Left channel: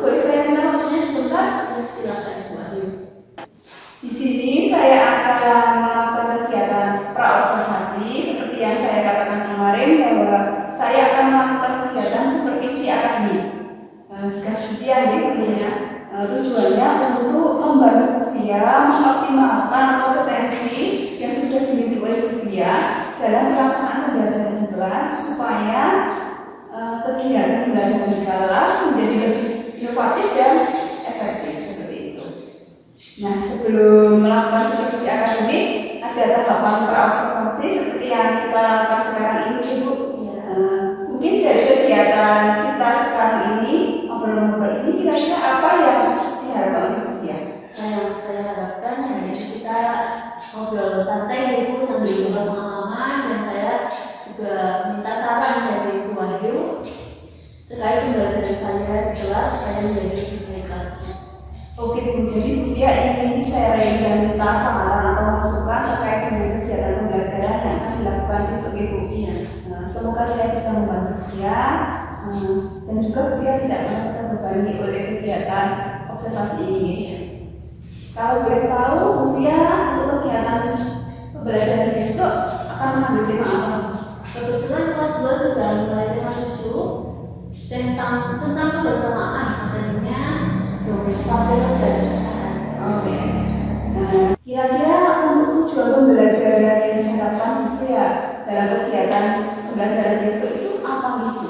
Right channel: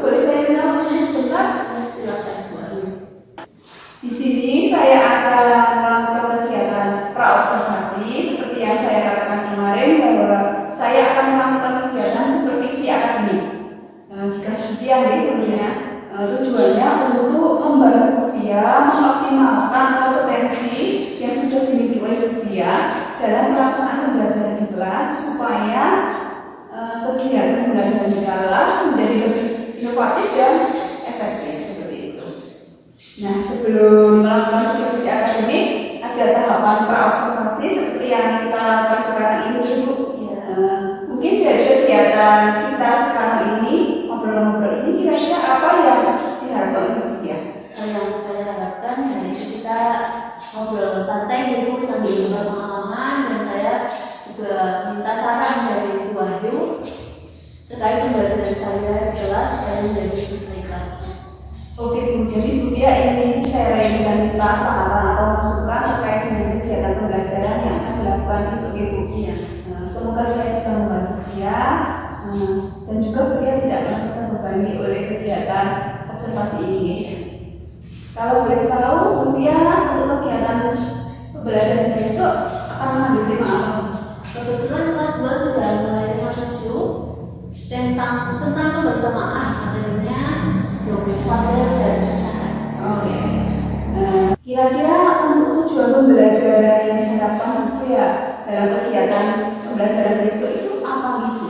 boleh saya minta waktunya sebentar? Silakan Bu Ayu. Di sini saya akan melakukan kegiatan praobservasi seperti yang saya katakan kemarin bahwa saya akan melakukan kegiatan supervisi akademik. Dikasih yang tentunya tujuannya untuk membantu Lutfia mengoptimalkan kompetensi yang sudah dimiliki oleh Lutfia dalam pelaksanaan pembelajaran di kelas supaya kegiatan pembelajaran di kelas menjadi lebih inovatif dan efektif seperti itu. Nah, sebelum melakukan supervisi akademik, ada tahapan praobservasi seperti yang kita lakukan sekarang ini, Ibu. Mungkin dari kegiatan kita sekarang ini, ngobrol-ngobrol ini, kira-kira apa yang diharapkan oleh Lutfia? Yang saya harapkan yaitu kita ngobrol santai Ibu sambil juga pengalaman, dan saya juga minta saran dari Bu Ayu terkait pembelajaran saya di kelas supaya menjadi lebih baik lagi. Oke Bu, jadi Lutfia ingin sharing dan minta saran atau masukan terkait dengan kegiatan pembelajaran yang akan dilakukan besok Ibu. Semoga saya bisa membantu Lutfia dan juga Lutfia tidak merasa terbebani oleh kegiatan observasi ini. Kalau boleh tahu, Lutfia untuk kegiatan pembelajaran besok akan mengambil tema apa? Kebetulan kelas 2 sudah mulai tema 7 tentang kebersamaan, materinya tabel dan pecahan. Oh ya. Kira-kira untuk tujuan pembelajaran yang diharapkan Lutfia dalam kegiatan pembelajaran besok itu apa gitu?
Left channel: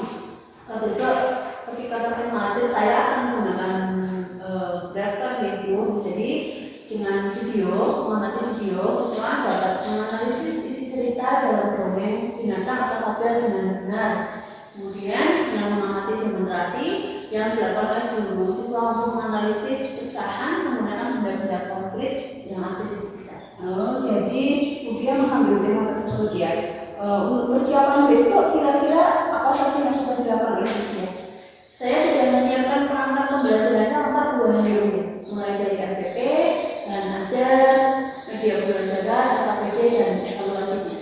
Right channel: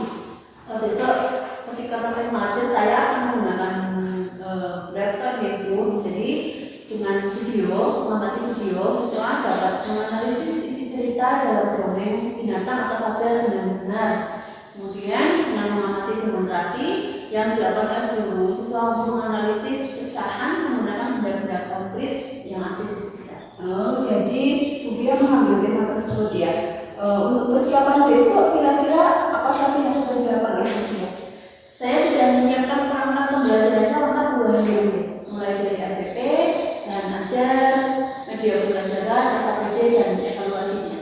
Besok ketika praktek mengajar saya akan menggunakan proyektor gitu, jadi dengan video, mengamati video, siswa dapat menganalisis isi cerita dalam dongeng binatang atau tabel dengan benar. Kemudian dengan mengamati demonstrasi yang dilakukan oleh guru, siswa mampu menganalisis pecahan menggunakan benda-benda konkret yang ada di sekitar. Oh, jadi Lutfia mengambil tema tersebut ya. Untuk persiapan besok, kira-kira apa saja yang sudah dilakukan oleh Lutfia? Saya sudah menyiapkan perangkat pembelajarannya lengkap Bu Ayu, mulai dari RPP, dan ajar, media pembelajaran, KPD, dan evaluasinya.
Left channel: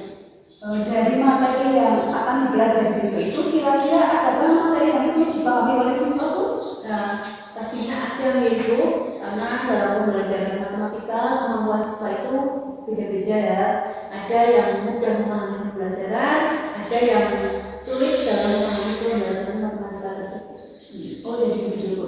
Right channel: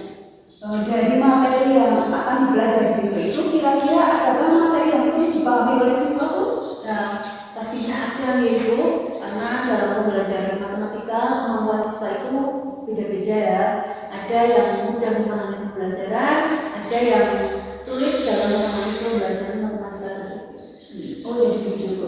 Dari materi yang akan dipelajari besok itu, kira-kira ada materi yang sulit dipahami oleh siswa Bu? Nah, pastinya ada Ibu, karena dalam pembelajaran matematika kemampuan siswa itu beda-beda ya. Ada yang mudah memahami pembelajaran, ada yang sulit dalam memahami pembelajaran matematika tersebut. Oh, jadi begitu.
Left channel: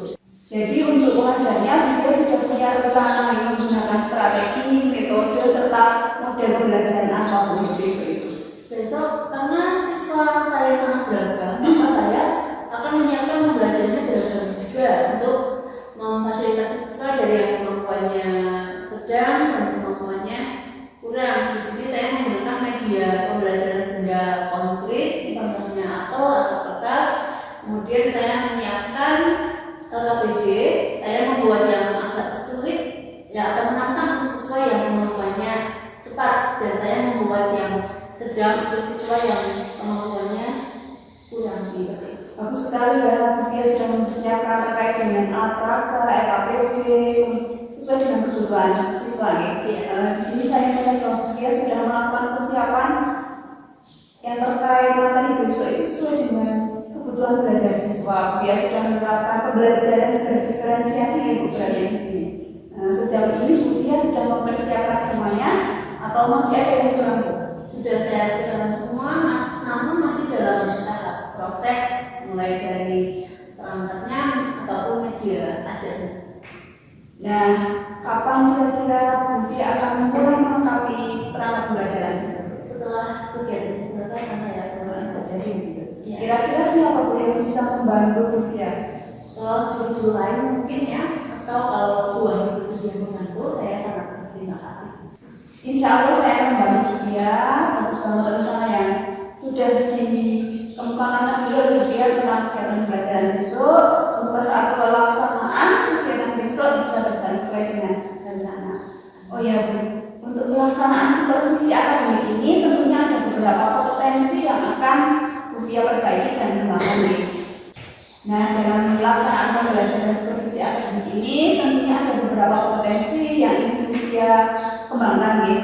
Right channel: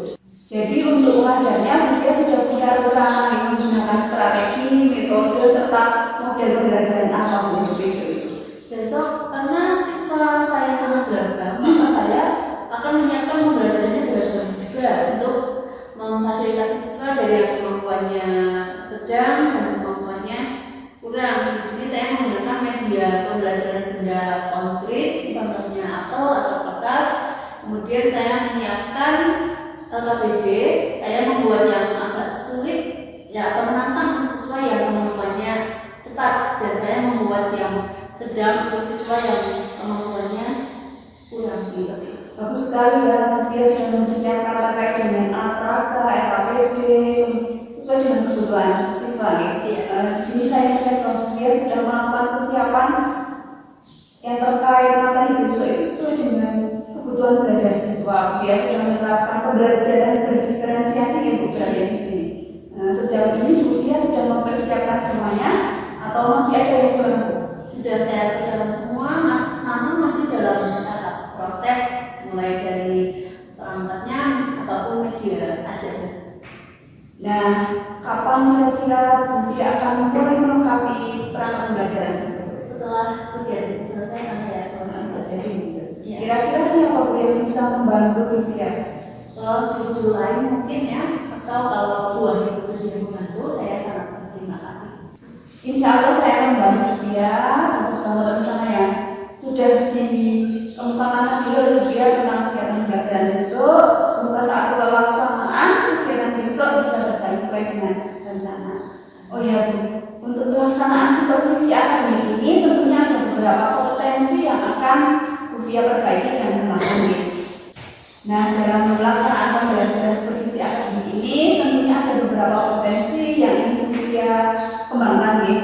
Jadi untuk mengajarnya, Lutfia sudah punya rencana yang menggunakan strategi, metode, serta model pembelajaran apa untuk besok itu? Besok, karena siswa saya sangat beragam, maka saya akan menyiapkan pembelajarannya beragam juga untuk memfasilitasi siswa dari yang kemampuannya sedang dan kemampuannya kurang. Di sini saya menggunakan media pembelajaran benda konkret, contohnya apel atau kertas. Kemudian saya menyiapkan KPD, saya membuat yang agak sulit, ya akan menantang untuk siswa yang kemampuannya cepat, dan saya membuat yang sedang untuk siswa yang kemampuannya kurang. Bagus sekali ya, Lutfia sudah mempersiapkan terkait dengan AKK, KPD sesuai dengan kebutuhan siswa ya. Di sini saya melihat bahwa Lutfia sudah melakukan persiapan yang terkait materi besok itu sesuai dengan kebutuhan belajar siswa. Lutfia sudah menerapkan pembelajaran berdiferensiasi ya Bu berada di sini. Sejauh ini Lutfia sudah mempersiapkan semuanya atau masih ada yang kurang Bu? Sudah saya kerjakan semua, namun masih dalam tahap proses, mulai dari perangkatnya ataupun media ajarnya. Nah, kapan kira-kira Lutfia akan mulai melengkapi perangkat pembelajaran tersebut? Setelah kegiatan ini selesai, karena ya selesai belajar gitu. Ya. Kira-kira siapa Bu yang bisa membantu Lutfia? Kalau guru lain mungkin ya, atau kalau Bu Ayu bersedia membantu, saya sangat berterima kasih. Insya Allah saya akan membantu Lutfia untuk bantu rencana yang sudah dikemukakan oleh Lutfia tentang kegiatan pembelajaran besok. Semoga saat pelaksanaan kegiatan besok bisa berjalan sesuai dengan rencana. Oh ya Bu, untuk pelaksanaan supervisi akademik ini tentunya ada beberapa potensi yang akan Lutfia perbaiki dan kembangkan. Nah, dalam pelaksanaan pembelajaran supervisi akademik ini tentunya ada beberapa potensi yang ingin Lutfia kembangkan ya.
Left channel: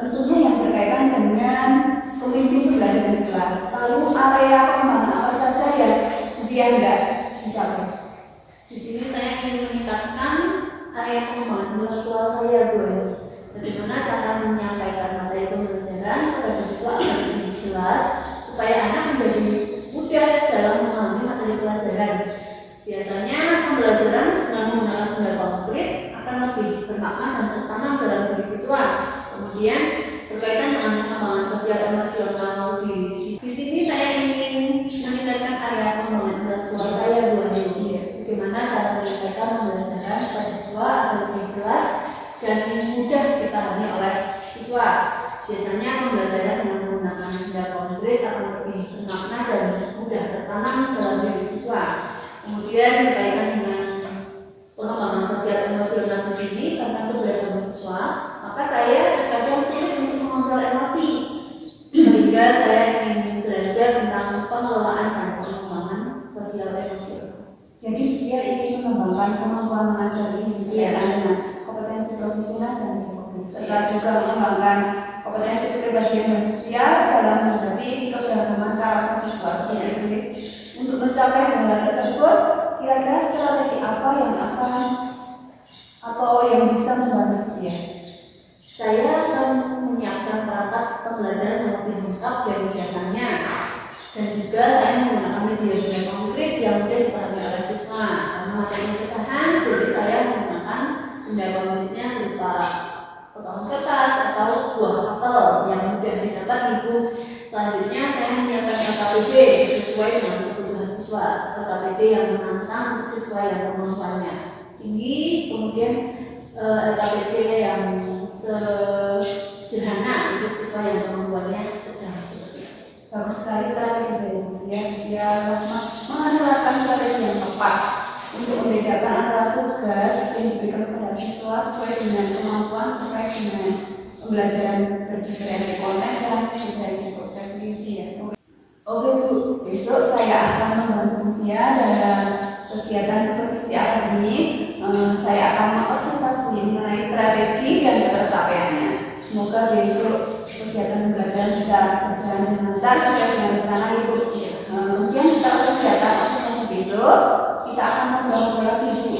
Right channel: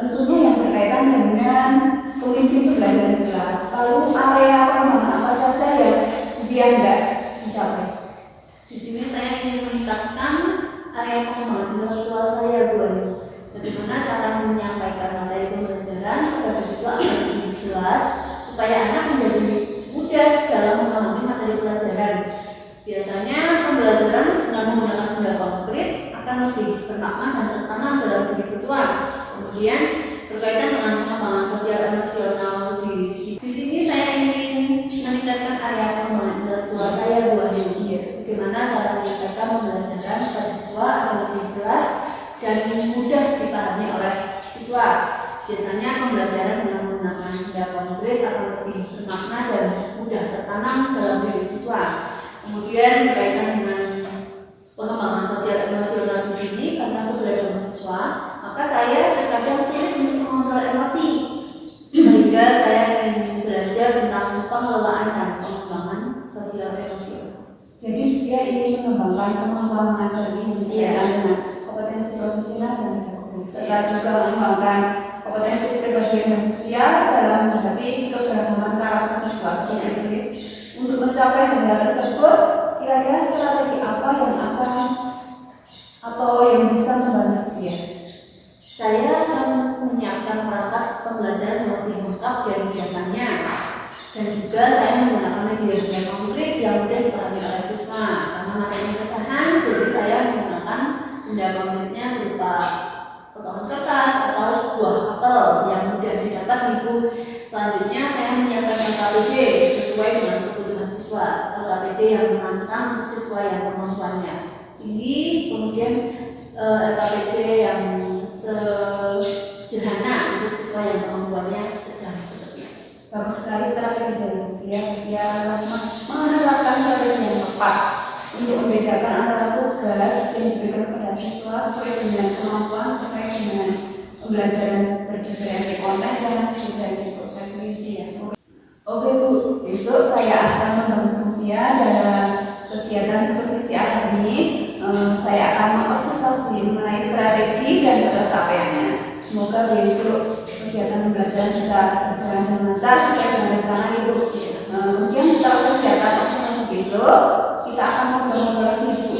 Tentunya yang berkaitan dengan pemimpin pembelajaran kelas. Lalu area pengembangan apa saja yang Lutfia tidak dicapai? Di sini rangkaian pengembangan intelektual saya, Bu. Bagaimana cara menyampaikan materi pembelajaran kepada siswa agar lebih jelas supaya anak menjadi mudah dalam memahami materi pelajaran. Biasanya pembelajaran dengan menggunakan benda konkret akan lebih bermakna dan tertanam dalam diri siswa. Kemudian berkaitan dengan pengembangan sosial emosional di sini saya ingin meningkatkan area pengembangan intelektual saya, Bu Ayu. Bagaimana cara menyampaikan pembelajaran kepada siswa agar lebih jelas dan mudah dipahami oleh siswa. Biasanya pembelajaran dengan menggunakan benda konkret akan lebih bermakna dan mudah tertanam dalam diri siswa. Kemudian berkaitan dengan pengembangan sosial emosional di sini tentang keberadaan siswa, maka saya terkadang sulit untuk mengontrol emosi, sehingga saya ingin belajar tentang pengelolaan dan pengembangan sosial emosional. Jadi dia ingin mengembangkan kemampuan mengajar ini dengan kompetensi profesional dan pedagogik, serta juga mengembangkan kompetensi kepribadian dan sosial dalam menghadapi keberagaman karakter siswa seperti itu. Untuk mencapai hal tersebut, kira-kira strategi apa yang akan atau yang bisa membantu dia? Saya akan menyiapkan perangkat pembelajaran yang lebih lengkap dari biasanya, dan juga saya menggunakan media konkret yang mudah dipahami oleh siswa. Karena materi pecahan, jadi saya menggunakan benda konkretnya berupa potongan kertas atau buah apel yang mudah didapat di ibu. Selanjutnya saya menyiapkan LKPD sesuai dengan kebutuhan siswa, LKPD yang menantang siswa yang kemampuannya tinggi, kemudian LKPD yang sederhana untuk siswa yang kemampuannya sedang seperti itu. Bagus sekali strategi dari dia menerapkan strategi yang tepat untuk membedakan antara tugas yang diberikan kepada siswa sesuai dengan kemampuan terkait dengan pembelajaran berdiferensi konten dan diferensi proses media. Oke Bu, besok saya akan membantu Via dalam kegiatan supervisi akademik. Saya akan mengobservasi mengenai strategi dan tercapaiannya. Semoga besok kegiatan pembelajaran bisa berjalan dengan lancar sesuai dengan rencana Ibu. Kemudian setelah kegiatan observasi besok, kita akan ngobrol lagi Bu.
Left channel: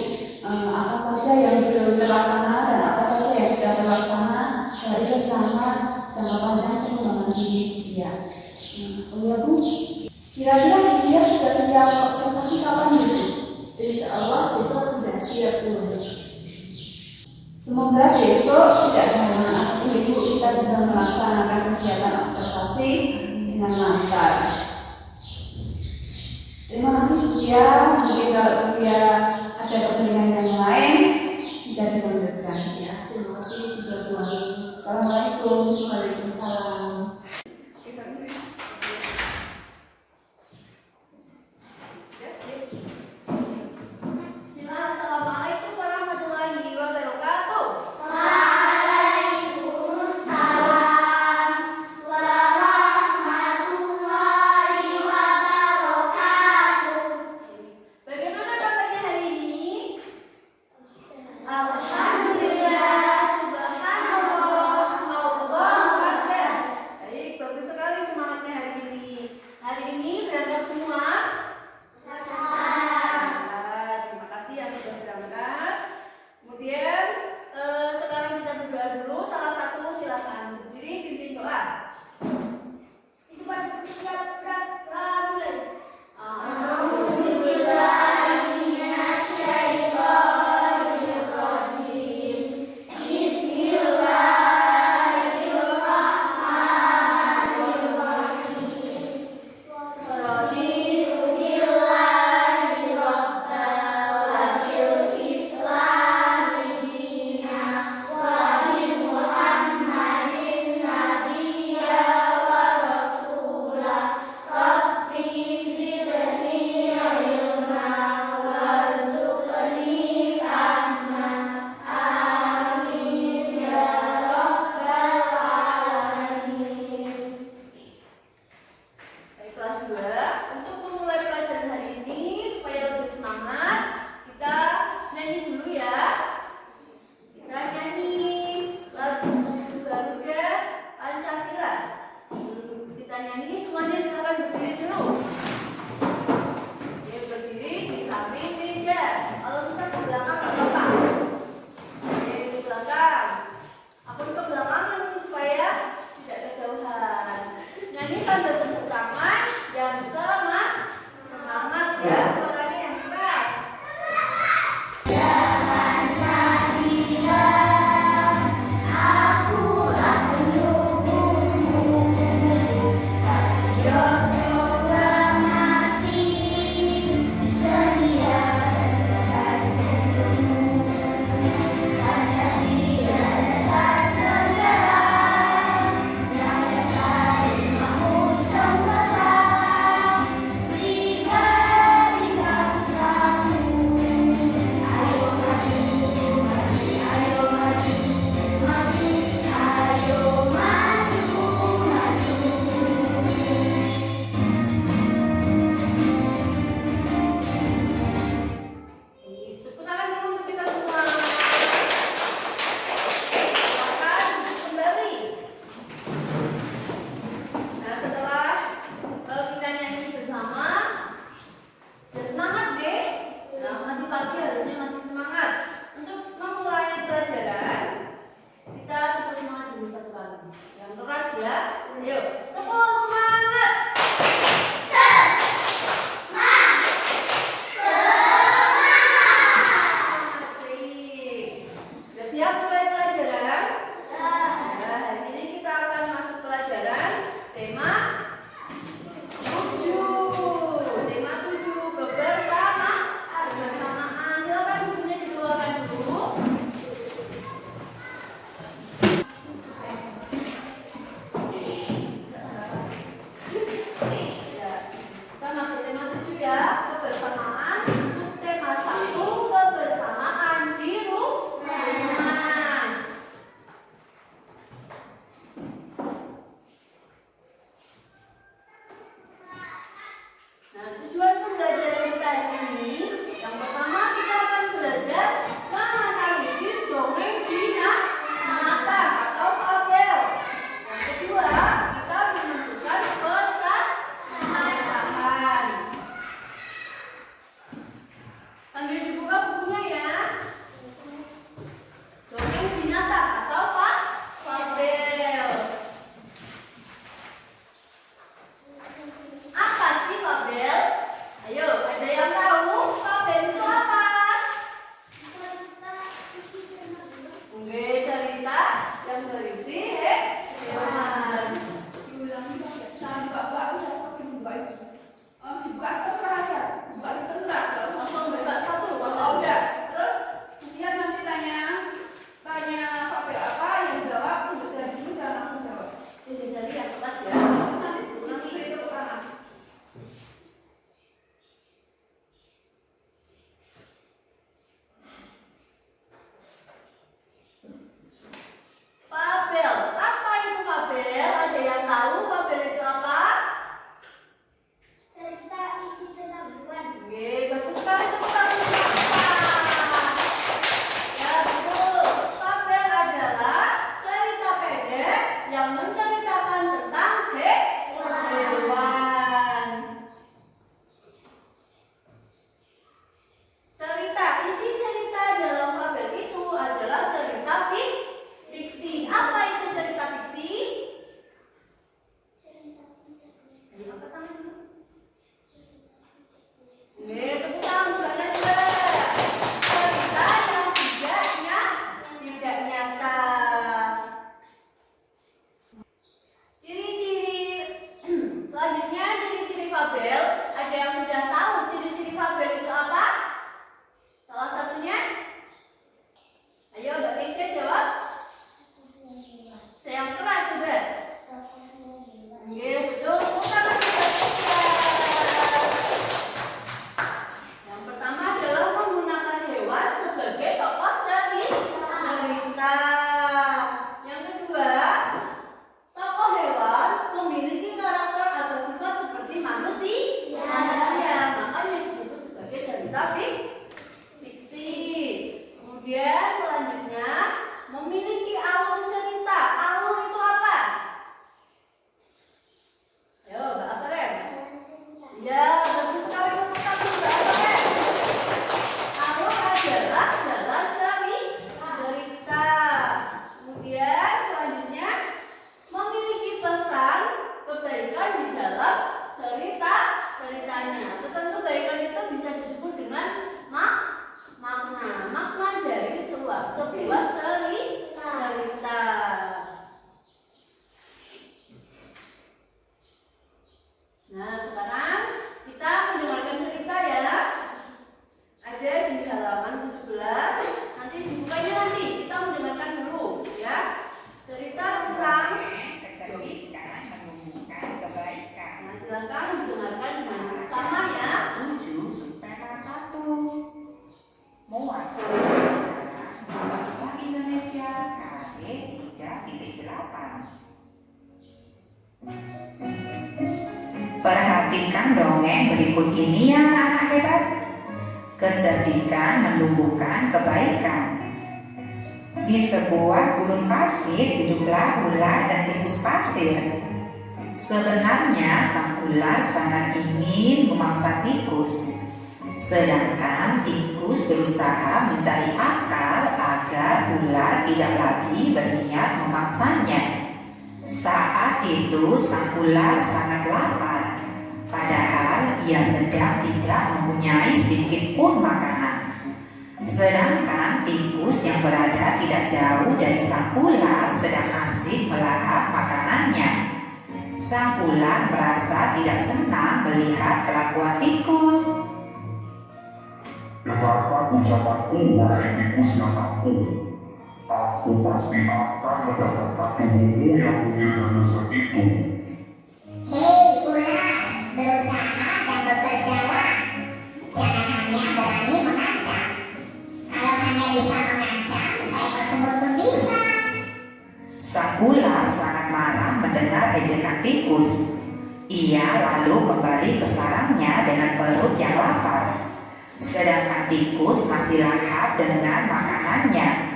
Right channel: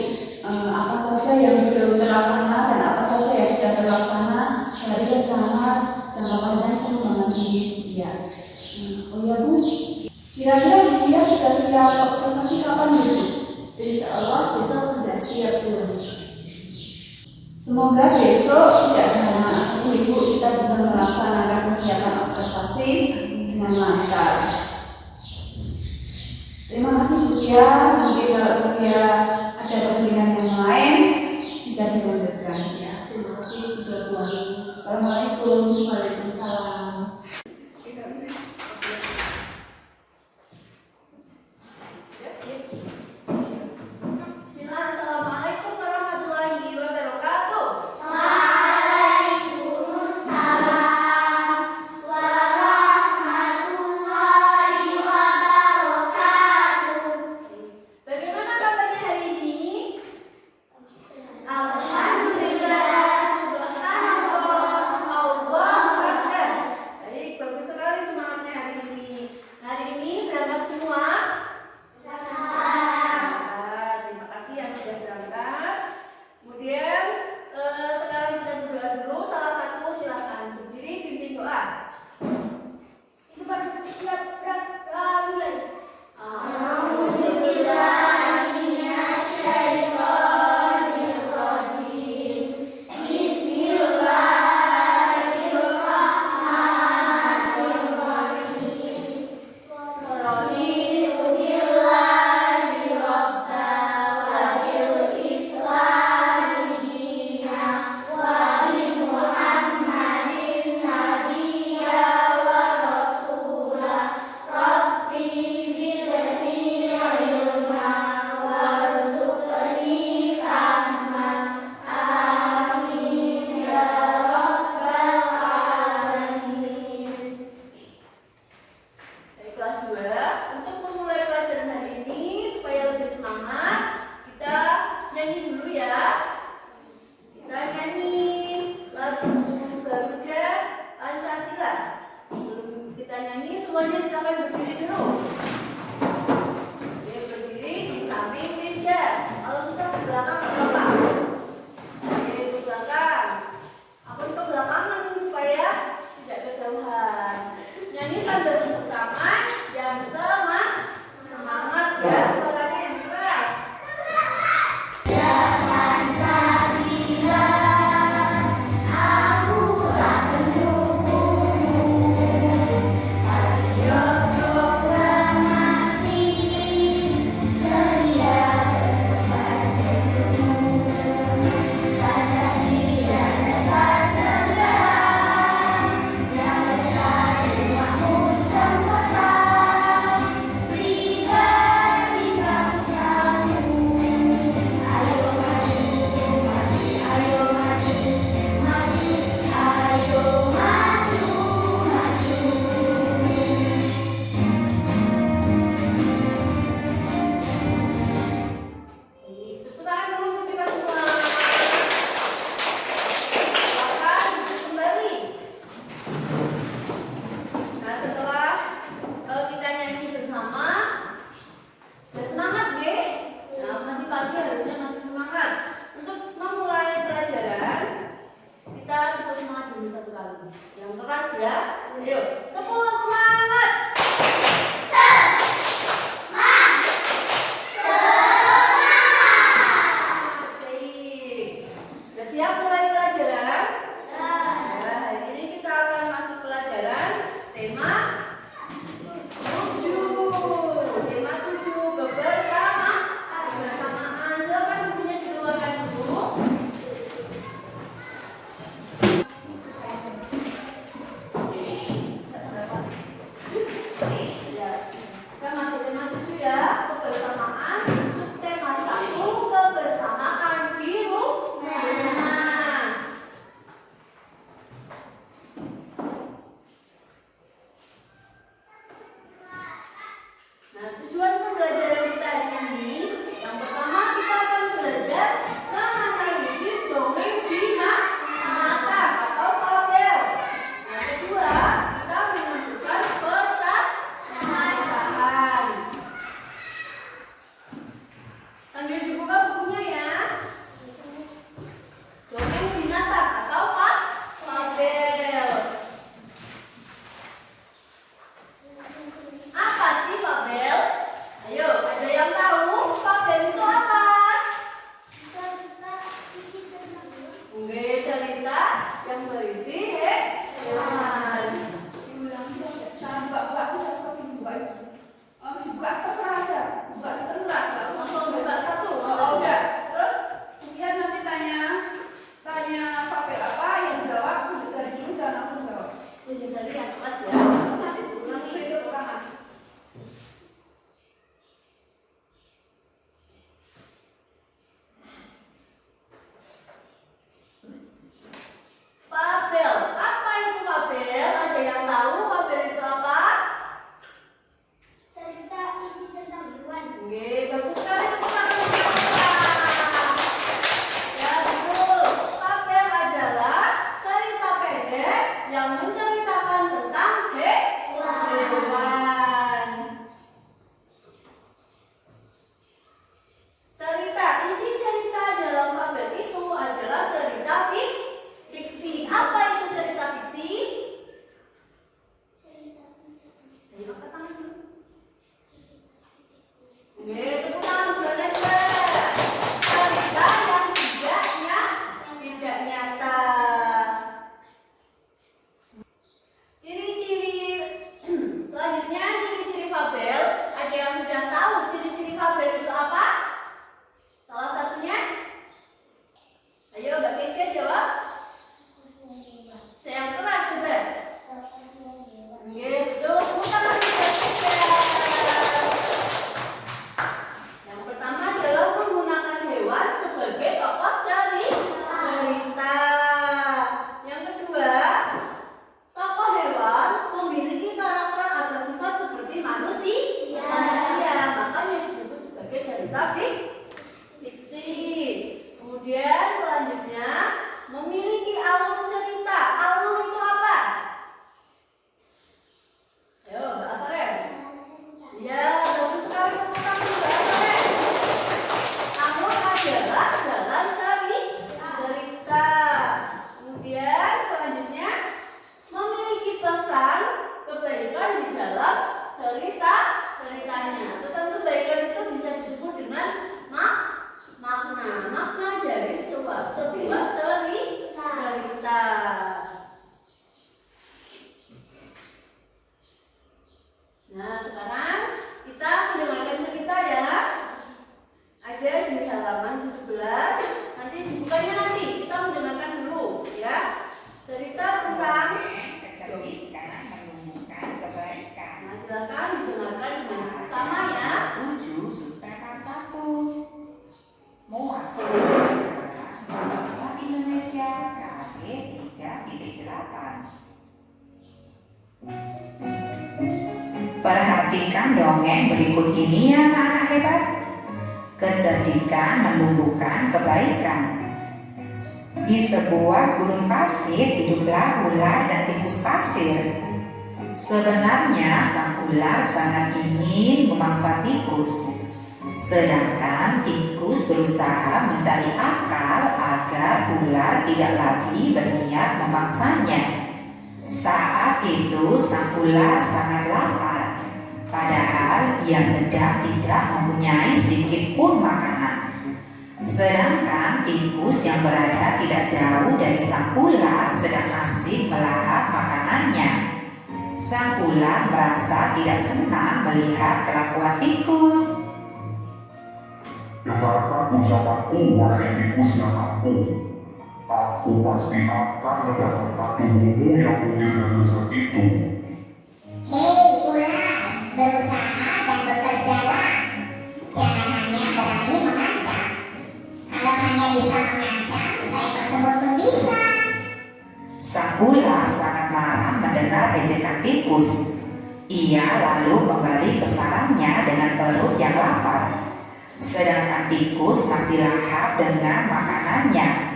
Apa saja yang belum terlaksana dan apa saja yang sudah terlaksana dari rencana jangka panjang pengembangan diri Via. Oh ya Bu, kira-kira Via sudah siap observasi kapan Bu? Insya Allah besok sudah siap Bu. Semoga besok tidak ada halangan apapun Ibu, kita bisa melaksanakan kegiatan observasi dengan lancar. Terima kasih Bu Via. Mungkin kalau Bu Via ada kepentingan yang lain bisa dilanjutkan. Ya, terima kasih juga Bu. Assalamualaikum. Waalaikumsalam. Assalamualaikum warahmatullahi wabarakatuh. Bagaimana kabarnya hari ini? Alhamdulillah, subhanallah, Allahu akbar. Baik, bagus sekali semangatnya hari ini. Hari ini berangkat semua? Terima kasih yang sudah berangkat. Kemudian sekarang kita berdoa dulu. Salah satu silakan berdiri pimpin doa. Itu pada siap mulai. Islam pagi harusnya masih semangat. Untuk memulai pelajaran, kita tepuk semangat dulu satu kali. Yang keras ya. Ayo, tepuk semangat. Sudah siap mulai pelajaran? Nah, hari ini kita akan masuk pelajaran tema 7. Tema 7 kebersamaan. Silakan bukunya dikeluarkan dulu. Kita masih tema 7 ya, kebersamaan. Subtema 1, kebersamaan di rumah. Nah, tujuan pembelajaran kita ini, yang pertama kita akan belajar menganalisis dongeng binatang atau fabel. Yang kedua, kita menentukan pecahan. Sambil dibuka bukunya ya. Dongeng binatang atau fabel. Apa sih fabel? Ayo, ada yang tahu fabel itu apa? Oke, cerita yang berisi hewan. Diulang saya buka udah sampai buka. Dibuka terserah aja. Buka terserah. Nggak usah Langsung buka satu. Oh, udah. Terus kemudian nanti tanya fabel apa yang jawab tunjuk jari dulu, jangan langsung jawab. Tunjuk jari yang keras ya. Nanti beri tepuk tangan. Fabel. Apa itu fabel? Ada yang tahu fabel itu apa? Oke, bagus sekali tepuk tangan untuk Bapak. Ya, betul. Fabel adalah cerita pendek yang menceritakan tentang hewan. Isi cerita dalam fabel itu adalah cerita fiksi. Apa itu cerita fiksi? Ayo, angkat tangan dulu. Oke, tepuk tangan buat Najwa. Cerita yang tidak nyata. Ciri-ciri selanjutnya, ciri-ciri fabel. Ada yang sudah tahu ciri-ciri fabel itu apa? Salah satunya? Ayo, Mbak Keisha jawab. Saya yang keras juga. Oke, betul. Tepuk tangan buat Keisha. Yang pertama adalah menggunakan hewan sebagai tokoh cerita. Yang kedua, tokoh hewan memiliki karakter atau sifat seperti manusia, makanya disebut sebagai cerita fiksi. Kemudian selanjutnya memiliki alur cerita. Alur itu apa? Ayo, Mbak Afaren. Ya, bagus sekali tepuk tangan Mbak Afaren. Alur adalah jalan cerita. Kemudian selanjutnya memiliki pesan kebaikan di dalam ceritanya. Pesan kebaikan itu bisa disebut dengan makna dari sebuah cerita. Nah, sekarang kita mendengarkan cerita ya. Ada di halaman 17. Nanti dibukanya nanti. Kita mendengarkan dulu ya. Cerita tentang kecerdikan menumbuhkan kebaikan. Nah, silakan didengarkan dengan sama ya. 7 subtema 1. Muat pelajaran bahasa Indonesia KD 3.8. Perhatikan dongeng berikut ini ya anak-anak hebat. Kecerdikan menumbuhkan kebaikan. Di sebuah gurun pasir hiduplah ular dan tikus pasir. Sebenarnya sang ular sangat ingin memangsa tikus. Sedangkan tikus berusaha mencari akal agar ular tidak lagi berniat memaksanya. Saat itu sang ular sangat lapar, padahal ia sedang tidak mempunyai sedikit pun makanan. Sedangkan tikus yang berada tidak jauh dari sang ular sedang asik melahap makanannya. Sang ular merasa tidak senang melihat kelakuan tikus. Dengarkan ucapanku, wahai tikus yang aku. Aku pasti akan mendapatkan tubuhmu yang mungil dan lezat itu. Hei ular, berusaha dan bekerjalah. Jangan hanya berani mengancam. Kalau hanya bisa mengancam, saya tersebut pun bisa. Sang ular sangat marah mendengar ejekan tikus. Ia lalu kembali ke sarangnya dengan perut yang lapar. Sedangkan tikus masih lahap dengan makanannya.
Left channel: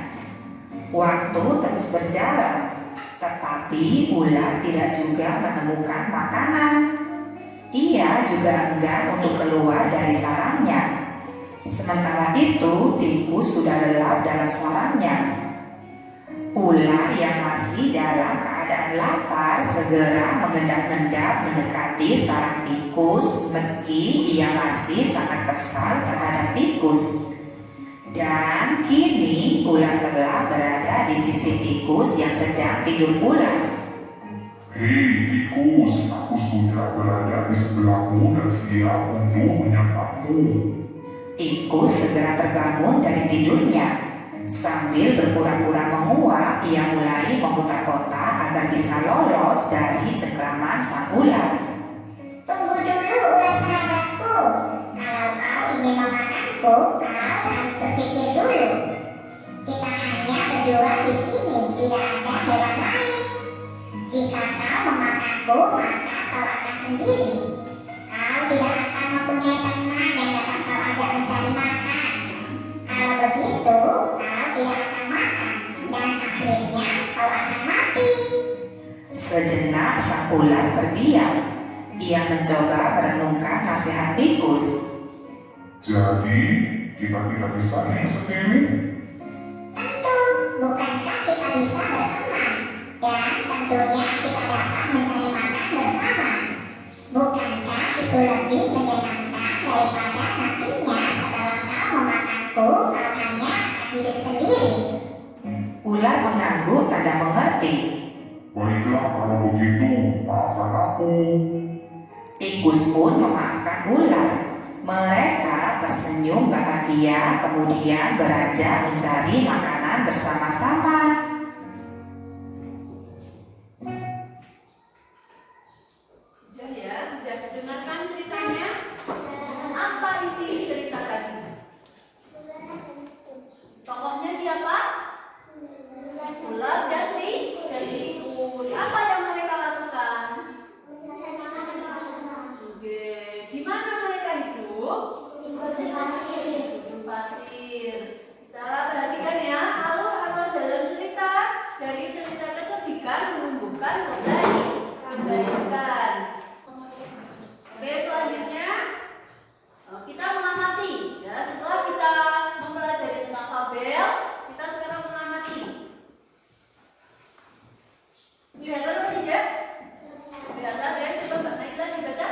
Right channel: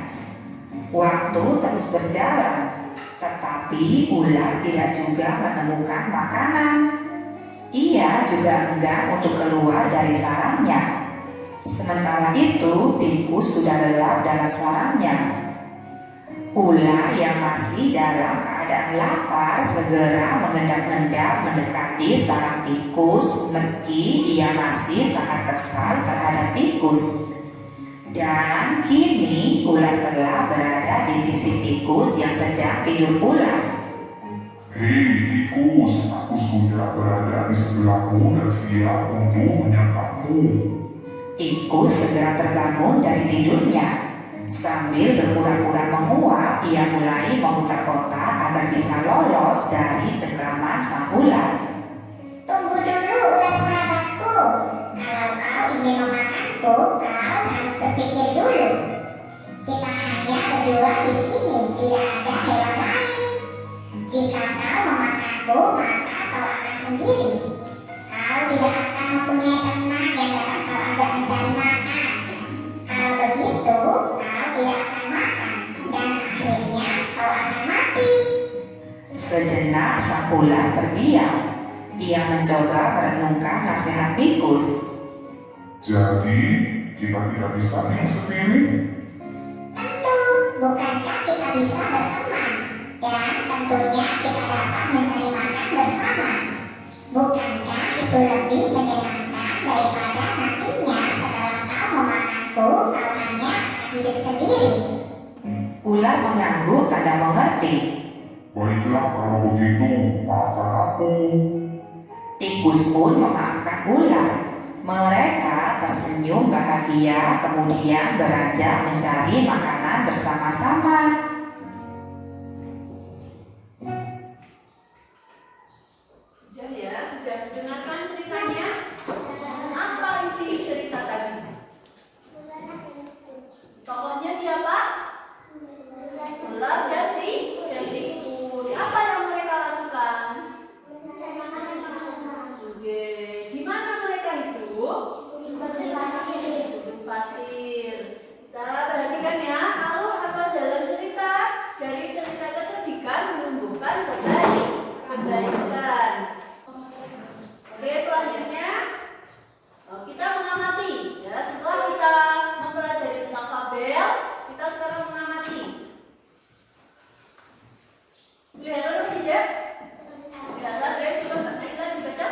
Waktu terus berjalan, tetapi ular tidak juga menemukan makanan. Ia juga enggan untuk keluar dari sarangnya. Sementara itu, tikus sudah lelap dalam sarangnya. Ular yang masih dalam keadaan lapar segera mengendap-endap mendekati sarang tikus meski ia masih sangat kesal terhadap tikus. Dan kini ular telah berada di sisi tikus yang sedang tidur pulas. Hei tikus, aku sudah berada di sebelahmu dan siap untuk menyantapmu. Tikus segera terbangun dari tidurnya. Sambil berpura-pura menguap, ia mulai memutar-otak agar bisa lolos dari cengkraman sang ular. Tunggu dulu ular sahabatku. Kalau kau ingin memakanku, kau harus berpikir dulu. Kita hanya berdua di sini, tidak ada hewan lain. Jika kau memakanku, maka kau akan sendiri. Kau tidak akan mempunyai teman yang dapat kau ajak mencari makan. Kalau begitu, kau tidak akan makan dan akhirnya kau akan mati. Sejenak sang ular terdiam. Ia mencoba merenungkan nasihat tikus. Jadi, kita tidak bisa hidup sendiri? Tentu, bukankah kita bisa berteman? Dan tentunya kita dapat mencari makan bersama. Bukankah itu lebih menyenangkan daripada nantinya setelah kau memakanku, kau hanya akan hidup sendiri? Ular mengangguk tanda mengerti. Baiklah kalau begitu, maafkan aku. Tikus pun memaafkan ular. Mereka tersenyum bahagia kemudian beranjak mencari makanan bersama-sama. Sudah ya, sudah dengarkan ceritanya? Apa isi cerita tadi? Tokohnya siapa? Ular dan tikus. Apa yang mereka lakukan? Oke, di mana mereka hidup? Di pasir. Kita perhatikan ya, alur atau jalan cerita dari cerita kesedihan menumbuhkan kebaikan. Oke, selanjutnya kita mengamati. Ya, setelah kita mempelajari tentang fabel, kita sekarang mengamati. Lihat terus ya. Lihatlah deh, coba Mbak Naila dibaca.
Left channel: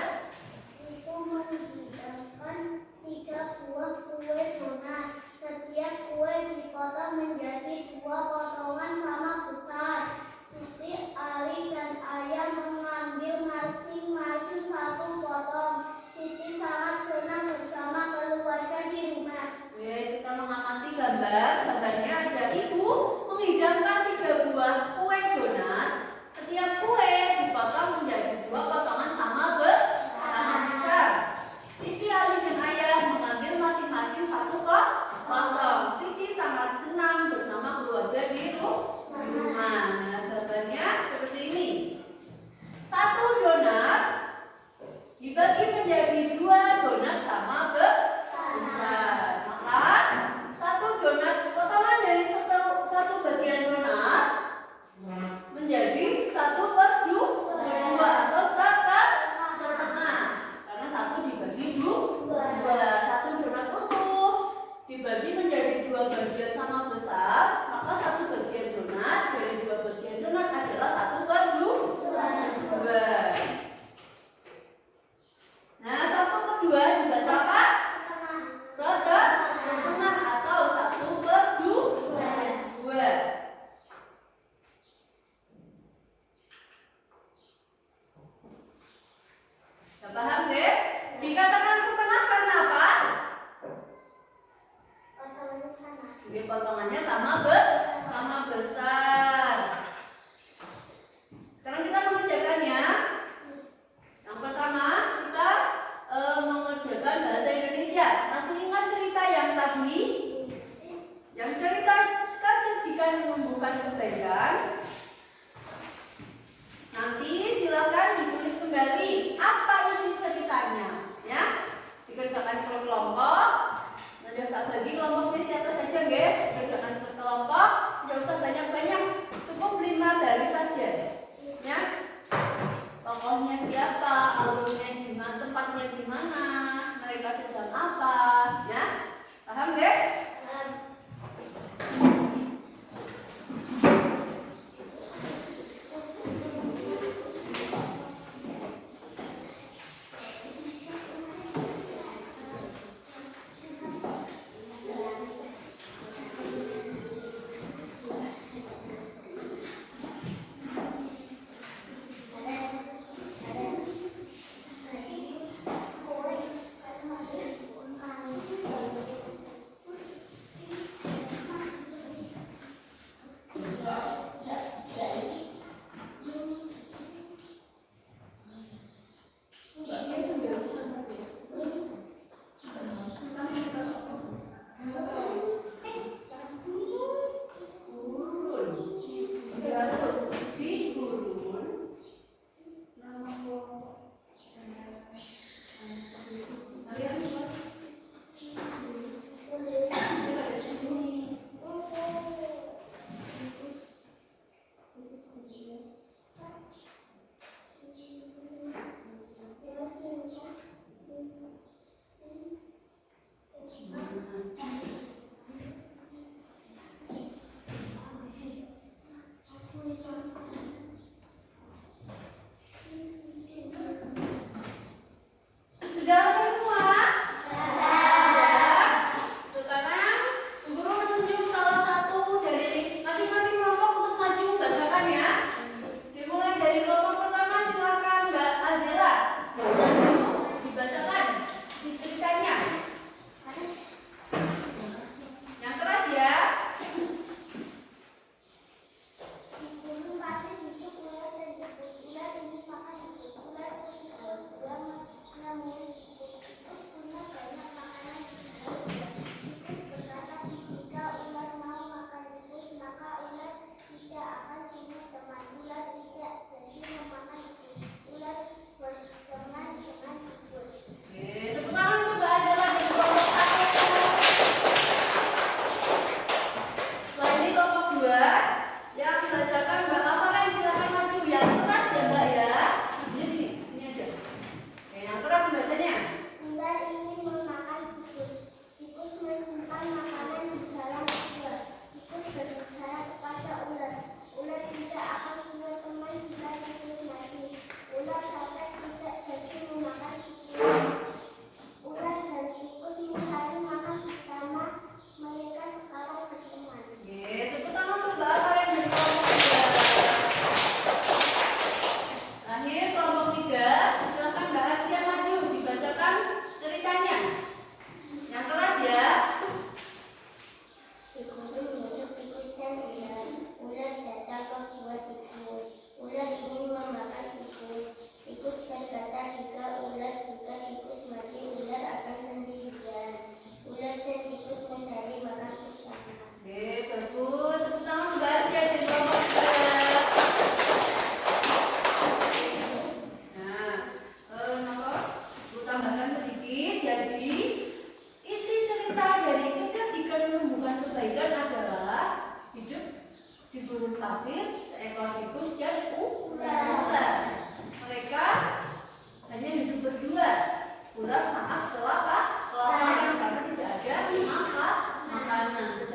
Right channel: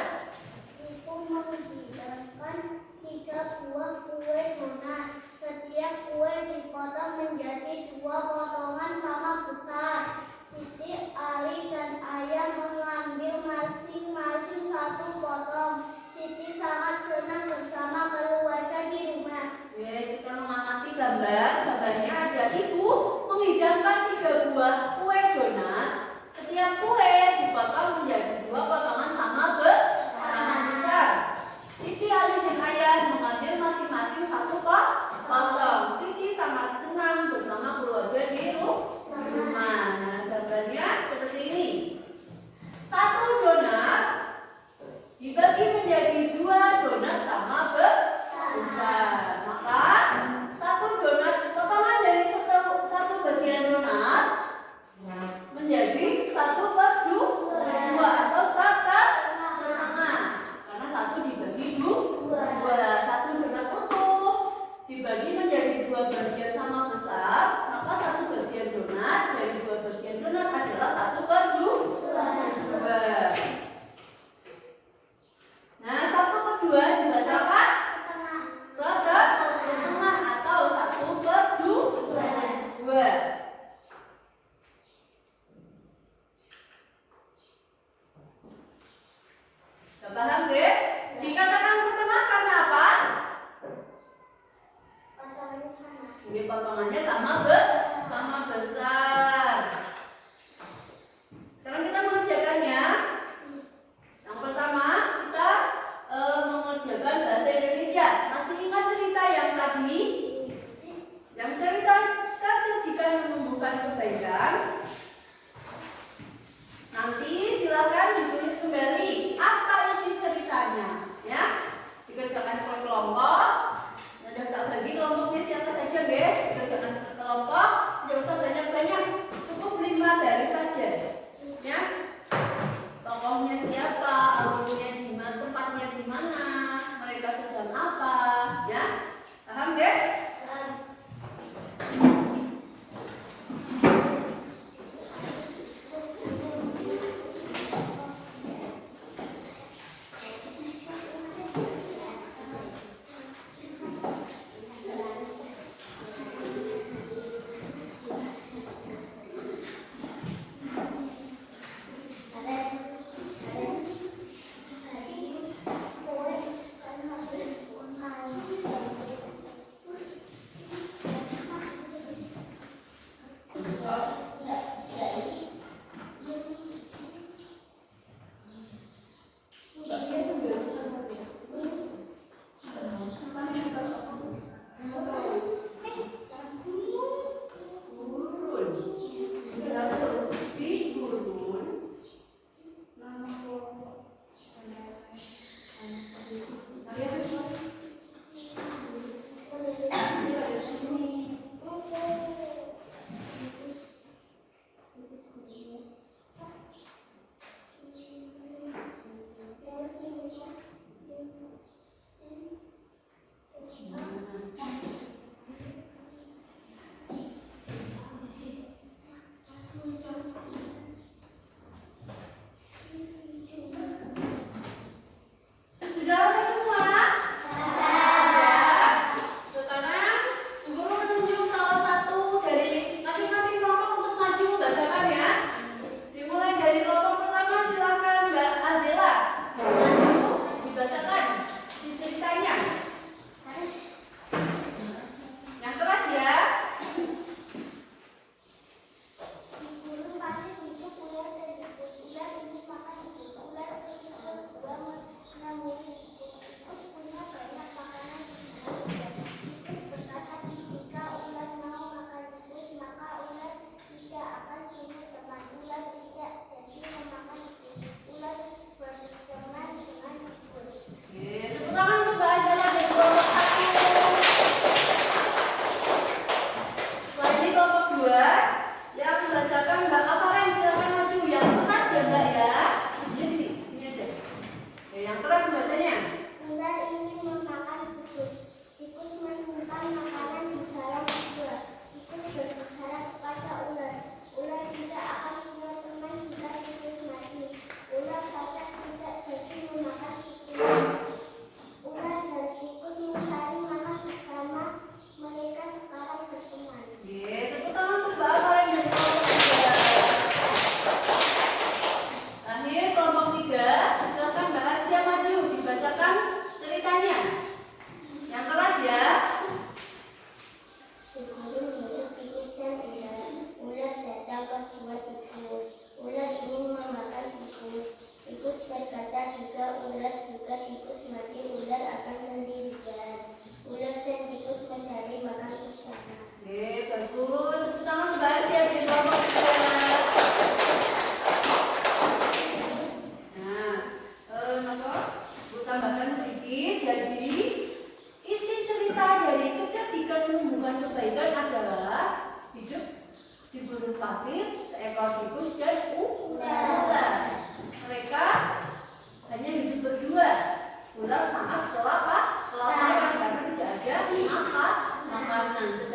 Itu menghidangkan 3 buah kue donat. Setiap kue dipotong menjadi 2 potongan sama besar. Siti, Ali, dan Ayah mengambil masing-masing 1 potong. Siti sangat senang bersama keluarga di rumah. Oke, kita mengamati gambar. Gambarnya ada ibu menghidangkan 3 buah kue donat. Setiap kue dipotong menjadi 2 potongan sama besar. Siti, Ali, dan Ayah mengambil masing-masing 1 potong. Siti sangat senang bersama keluarga di rumah. Nah, gambarnya seperti ini. 1 donat dibagi menjadi 2 donat sama besar. Maka 1 donat, potongan dari satu bagian donat dua bagian sama besar, maka satu bagian donat dari dua bagian donat adalah 1/2. Nah, 1/2 dibaca apa? Setengah atau 1/2. Sudah paham deh? Dikatakan setengah karena apa? Ini potongannya sama besar. Sekarang kita mengerjakannya. Yang pertama kita mengerjakan bahasa Indonesia. Masih ingat cerita yang tadi? Yang cerita kecerdikan menumbuhkan kebaikan. Nanti silakan ditulis kembali apa isi ceritanya, ya. Dikerjakan per kelompok. Nanti tak bagi kelompoknya siapa saja, nggih. Dikerjakan per kelompok, tidak usah banyak-banyak, cukup 5 baris saja, ya. Tokohnya siapa, alurnya di mana, tempatnya di mana, mereka sedang apa, ya. Paham nggih? Ular sangat kelaparan karena tidak ada makanan.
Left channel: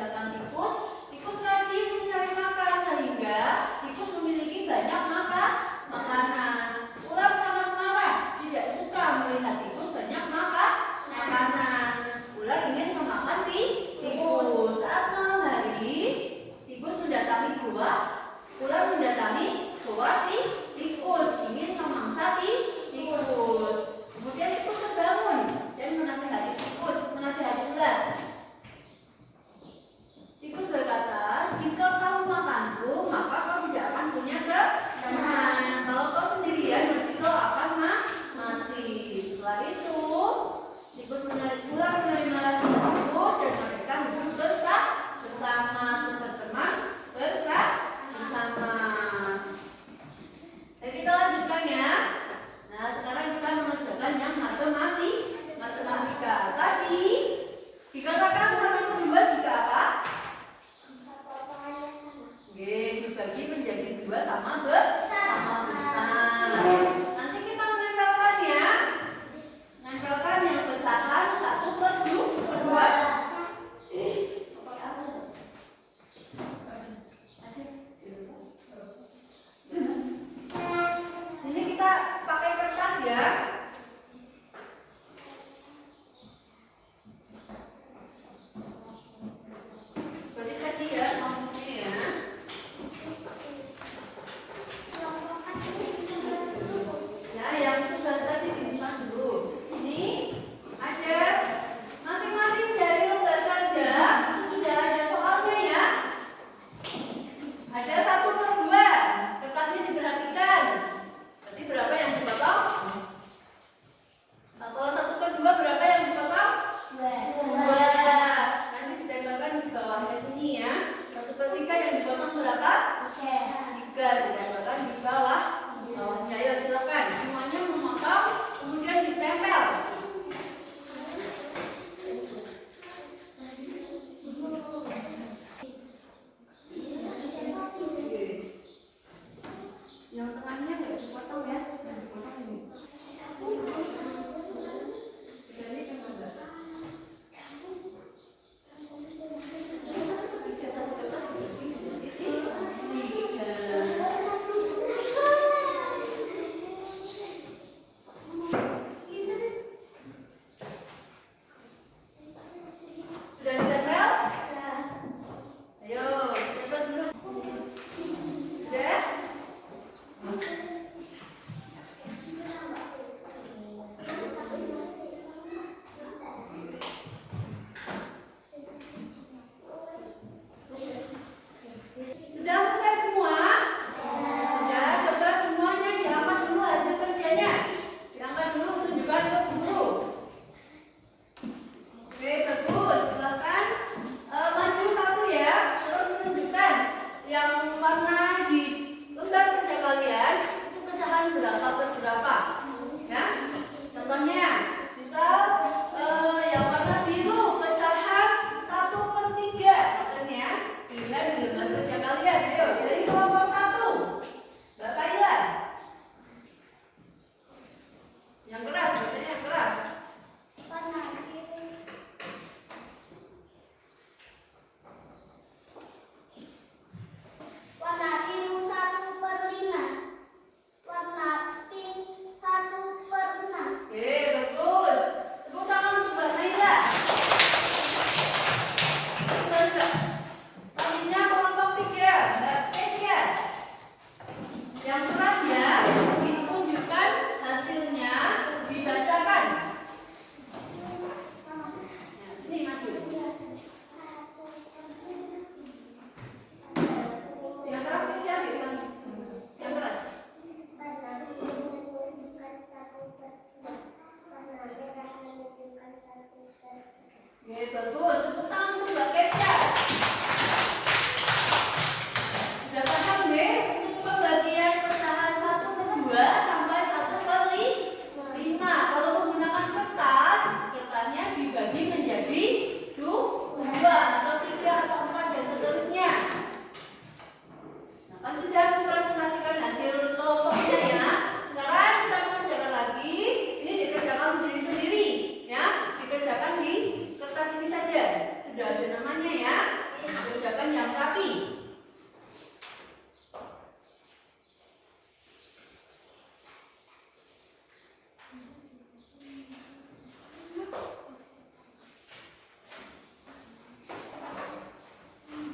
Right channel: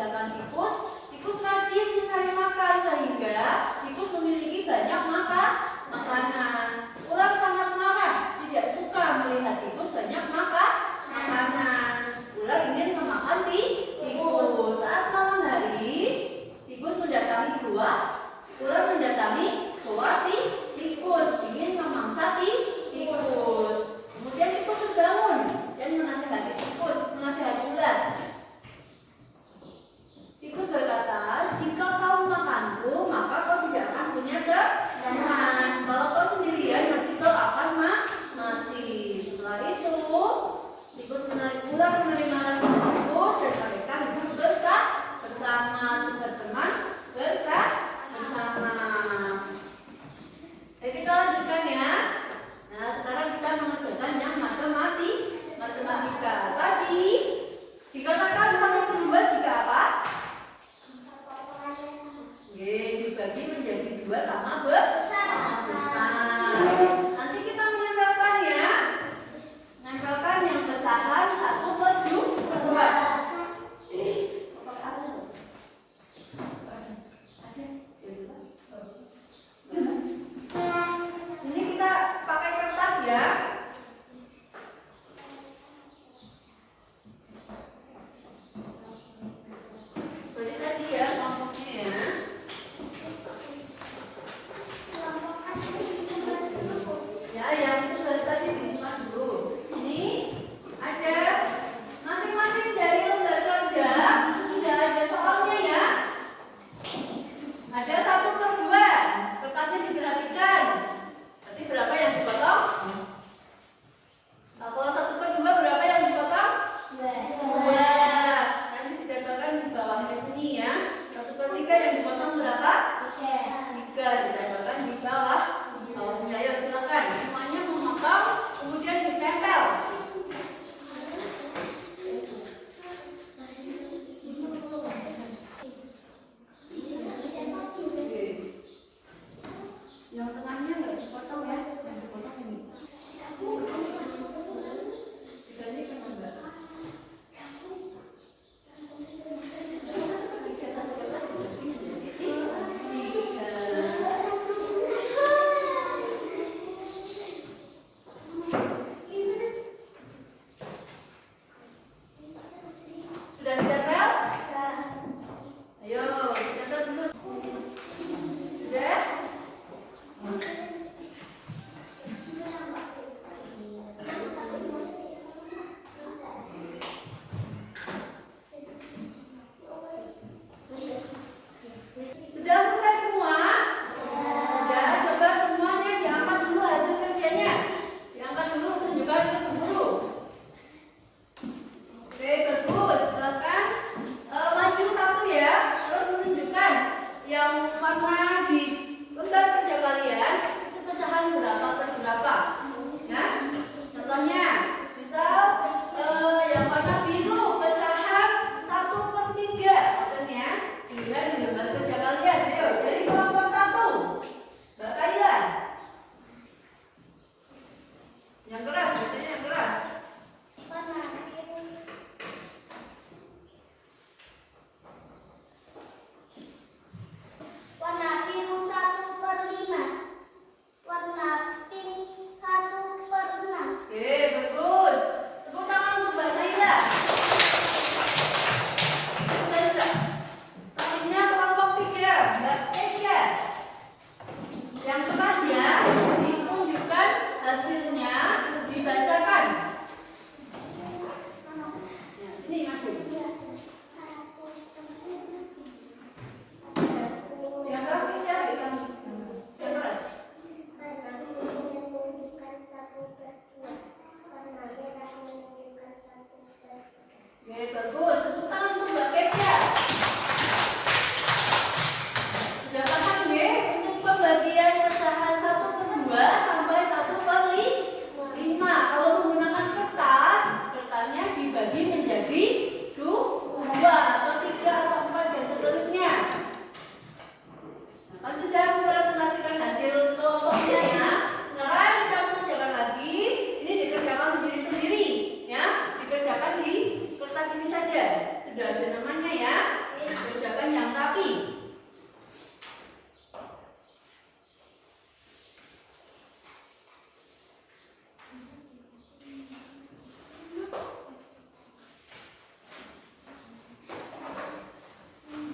laki-laki.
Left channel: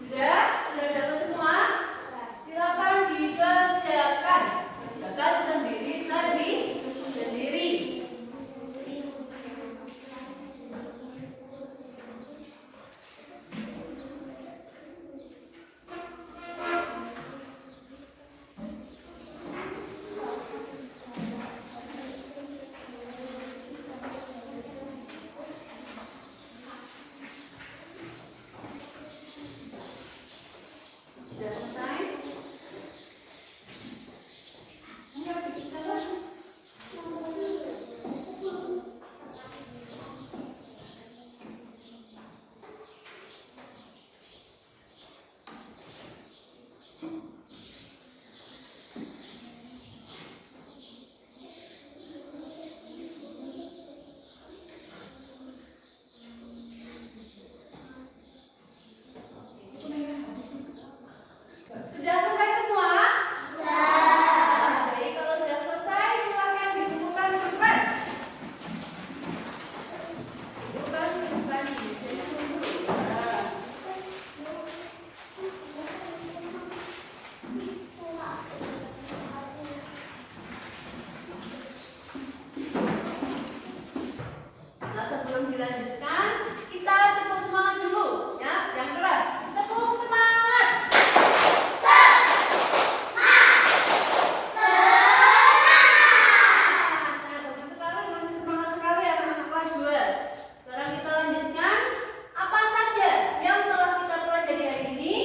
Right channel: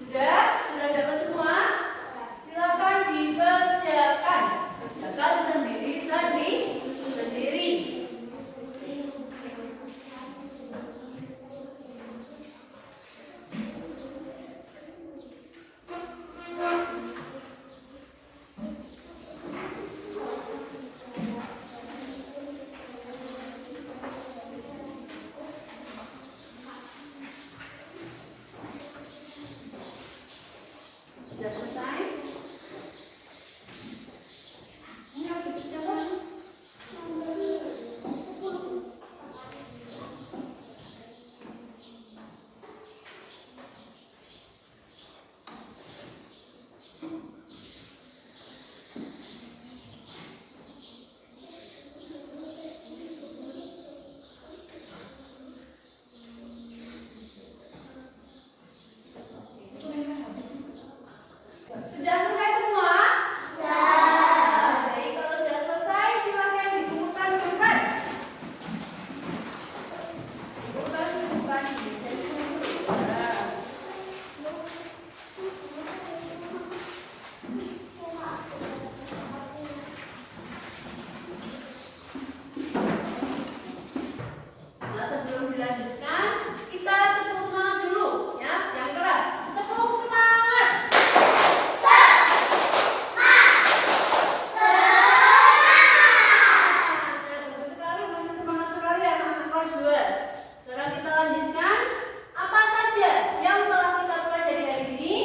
Sudah dapat semua? Silakan dikerjakan. Kerjakan sendiri. Sudah selesai? Ini harus dikerjakan. Sudah selesai semua? Sudah. Baik, kalau sudah selesai silakan dikumpulkan teman-teman. Bukan. Nah, sebelum dilanjutkan, kita tepuk semangat dulu, ya, yang keras. Tepuk semangat. Ya, bagus sekali, masih semangat sekali anak-anak kelas 2. Sekarang kita lanjutkan. Apa saja yang telah kita pelajari hari ini?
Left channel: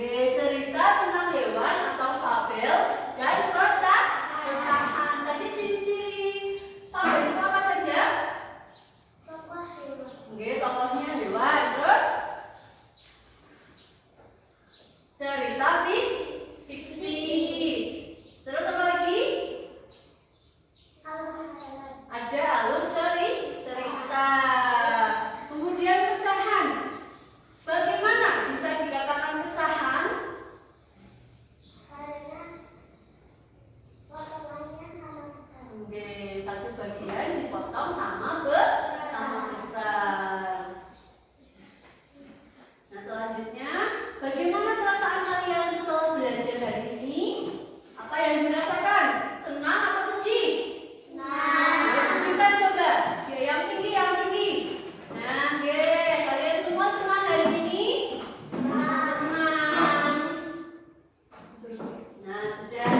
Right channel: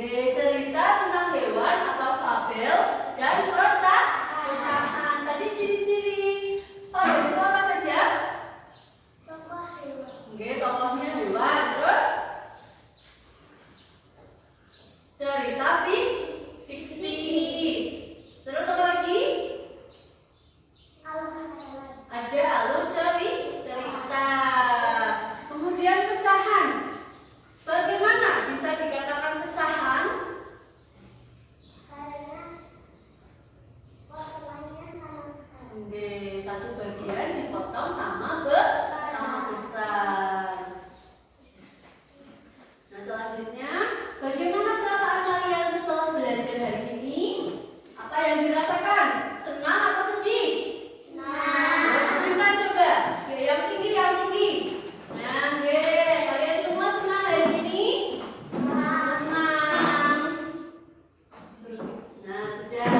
Cerita tentang hewan atau fabel dan pecahan. Tadi ciri-ciri fabel itu apa saja? Tokohnya hewan. Terus cerita fiksi. Terus apa lagi? Ada alur cerita. Kemudian pecahan. Bagaimana bisa dikatakan pecahan? Satu bagian dipotong sama besar. Nah, selanjutnya, bagaimana perasaan kalian setelah belajar hari ini? Apa yang dirasakan? Senang atau sedih? Senang. Coba, yang tinggi. Nah, kalian semua senang hari ini? Senang. Nah, sudah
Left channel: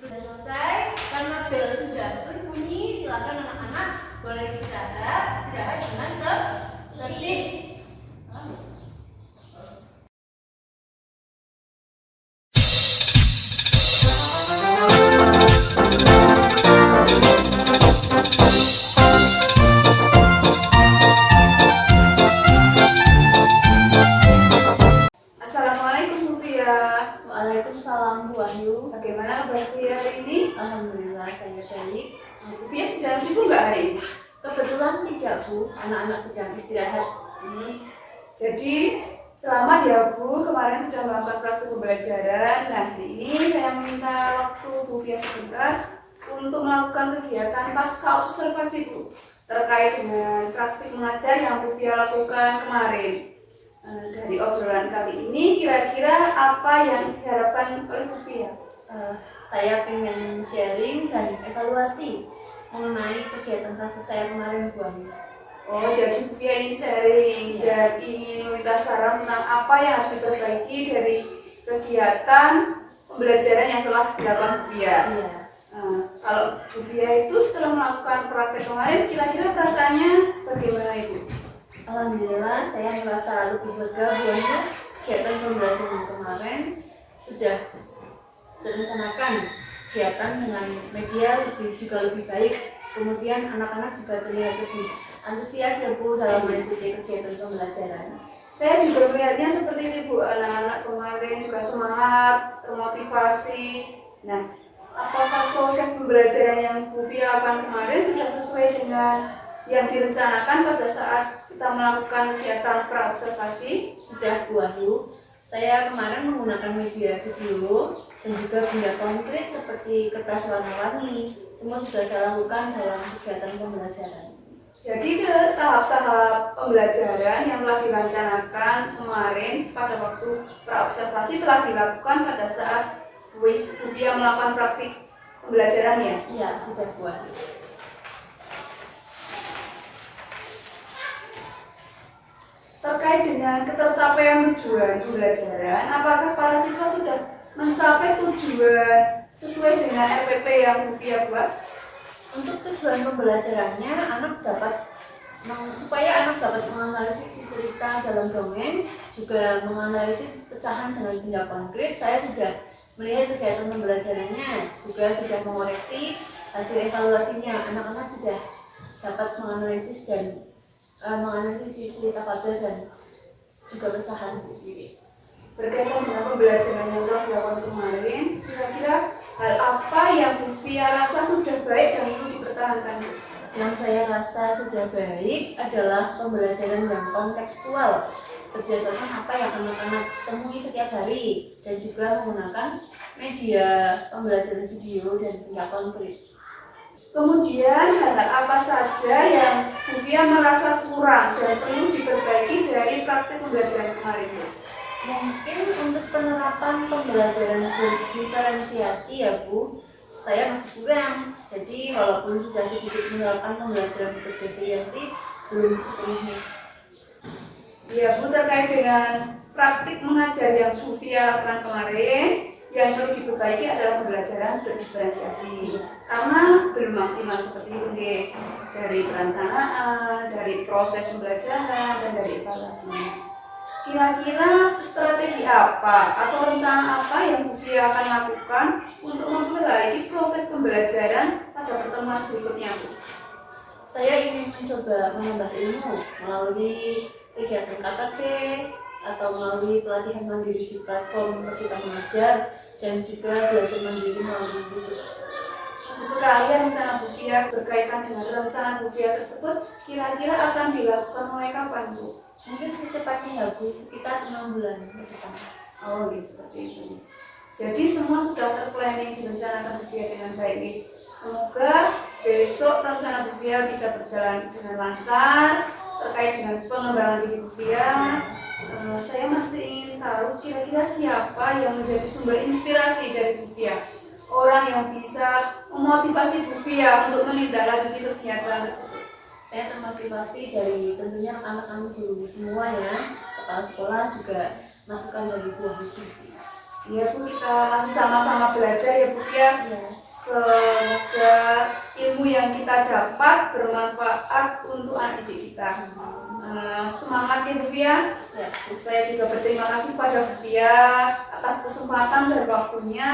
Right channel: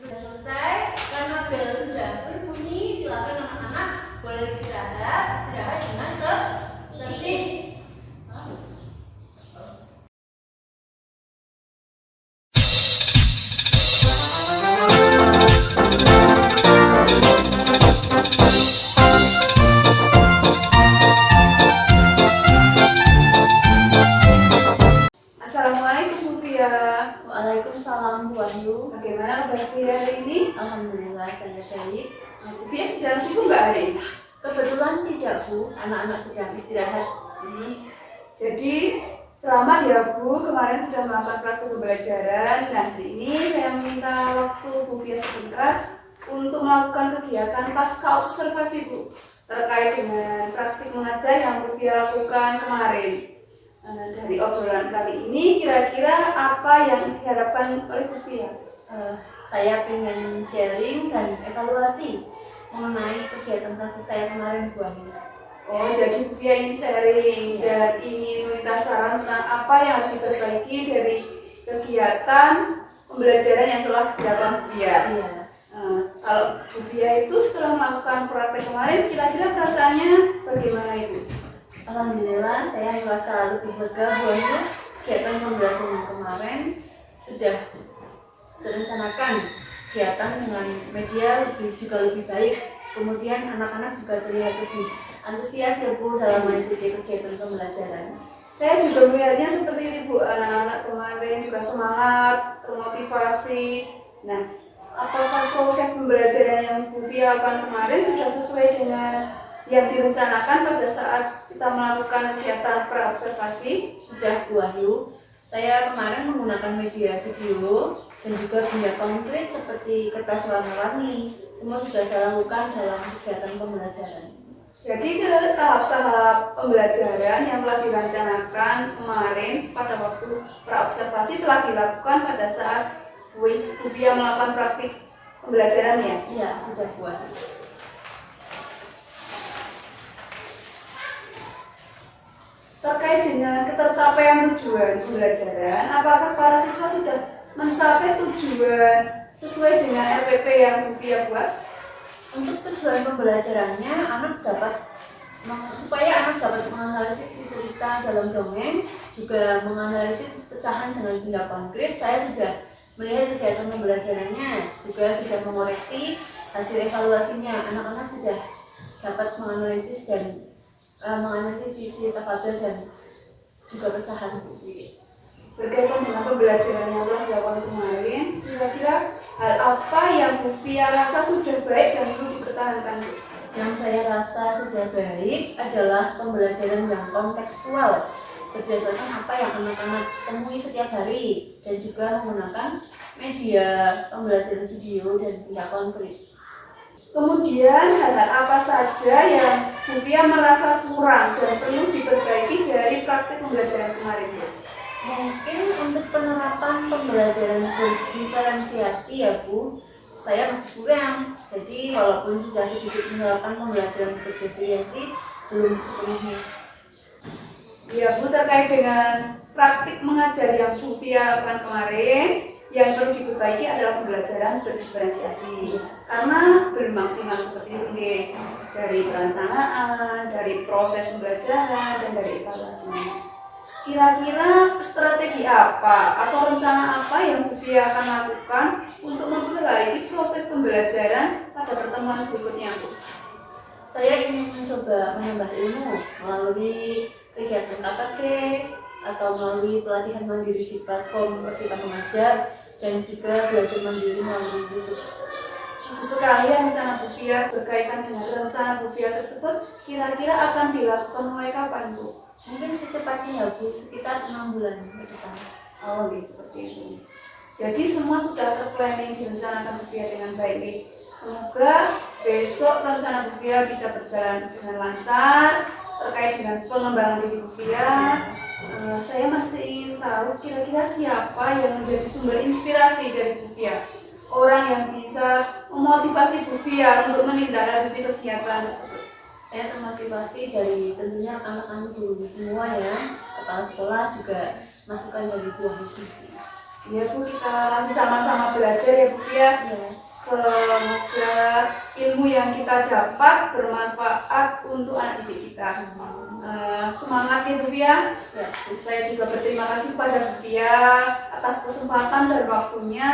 selesai. Karena bel sudah berbunyi, silakan anak-anak boleh istirahat dengan tertib. Assalamualaikum Bu Fia. Waalaikumsalam Bu Wahyu. Bagaimana kabar Fia hari ini? Alhamdulillah saya baik. Bu Fia sedang sibuk nggak hari ini? Kebetulan tidak Bu, anak-anak sedang istirahat. Jadi selamat ya Bu, kemarin sudah melakukan praktik pembelajaran. Nah, hari ini saya meminta waktu Bu Fia sebentar untuk melakukan kegiatan pasca observasi Bu terkait dengan praktik mengajar yang Bu Fia lakukan kemarin. Dari obrolan kali ini kira-kira apa yang diharapkan oleh Bu Fia? Saya ingin sharing dan evaluasi mengenai kegiatan praktik saya kemarin Bu Wahyu. Oh, jadi Bu Fia ingin sharing dan ingin meminta saran tentang apa yang harus diperbaiki dari kegiatan pembelajaran yang telah dilakukan Bu Fia. Iya. Kalau Bu Fia itu setelah melakukan praktek kemarin, kira-kira perasaannya bagaimana Ibu? Alhamdulillah saya merasa lebih lega Bu Wahyu. Kegiatan pembelajaran yang kemarin sudah direncanakan kegiatan dengan media juga lebih baik. Kemudian anak-anak juga terlihat lebih antusias ya Bu dalam mengikuti kegiatan pembelajaran. Saya juga melihatnya seperti ini Bu, anak-anak kemarin juga semangat, termotivasi. Nah, apakah proses pembelajaran yang Bu Fia lakukan kemarin sudah sesuai dengan yang direncanakan pada saat kita melakukan kegiatan praobservasi? Sudah Bu Ayu, saya kemarin menggunakan media video dan juga benda konkret seperti kertas warna-warni. Semua sudah saya lakukan dalam kegiatan pembelajaran. Jadi ke tahap-tahap pembelajaran yang telah direncanakan kemarin pada waktu praobservasi telah dilakukan pada saat Bu Fia melakukan praktik pembelajaran ya? Iya, sudah Bu Ayu. Terkait dengan ketercapaian tujuan pembelajaran, apakah para siswa sudah mencapai tujuan sesuai dengan RPP yang Bu Fia buat? Untuk tujuan pembelajarannya, supaya anak dapat menganalisis cerita dalam dongeng, juga menganalisis pecahan dengan benda konkret, saya sudah melihat kegiatan pembelajarannya, juga sudah mengoreksi hasil evaluasinya. Anak-anak sudah dapat menganalisis dan menganalisis cerita fabel dan juga pecahan. Berkaitan dengan pembelajaran yang telah dilakukan kemarin, kira-kira hal apa yang Bu Fia rasa sudah baik dan perlu dipertahankan? Yang saya rasa sudah baik adalah pembelajaran yang kontekstual, berdasarkan apa yang anak-anak temui setiap hari, dan juga menggunakan media pembelajaran video dan benda konkret. Kemudian hal-hal apa saja yang Bu Fia merasa kurang dan perlu diperbaiki dari praktik pembelajaran kemarin? Mungkin untuk penerapan pembelajaran berdiferensiasi ya Bu, saya masih kurang. Jadi walaupun sudah sedikit menerapkan pembelajaran berdiferensiasi, belum sepenuhnya. Ya Bu, terkait dengan praktik mengajar yang Bu Fia lakukan kemarin, yang perlu diperbaiki adalah pembelajaran berdiferensiasi karena belum maksimal seperti itu dari perencanaan, dari proses pembelajaran, dan dari evaluasinya. Kira-kira strategi apa atau rencana apa yang Bu Fia akan lakukan untuk memperbaiki proses pembelajaran pada pertemuan berikutnya, Bu? Saya ingin mencoba menambah ilmu melalui kegiatan KKG atau melalui pelatihan mandiri di platform Merdeka Mengajar dan juga belajar mandiri melalui YouTube. Bagus sekali rencana Bu Fia. Berkaitan dengan rencana Bu Fia tersebut, kira-kira akan dilakukan mulai kapan, Bu? Mungkin secepatnya ya Bu, sekitar 6 bulan ke depan. Oh, seperti itu. Jadi semua sudah terplanning, direncanakan Bu Fia dengan baik nih. Semoga besok rencana Bu Fia bisa berjalan dengan lancar. Terkait dengan pengembangan diri Bu Fia, saya masih ingin tahu kira-kira siapa yang menjadi sumber inspirasi dari Bu Fia, orang yang bisa memotivasi Bu Fia untuk menindaklanjuti kegiatan tersebut. Saya termotivasi dari tentunya rekan-rekan guru semuanya, kepala sekolah juga masukan dari Bu Ayu. Ya Bu, kita masih sama-sama belajar ya Bu Fia. Semoga ilmu yang kita dapat bermanfaat untuk anak didik kita. Semangat ya Bu Fia. Ya. Saya juga berterima kasih pada Bu Fia atas kesempatan dan waktunya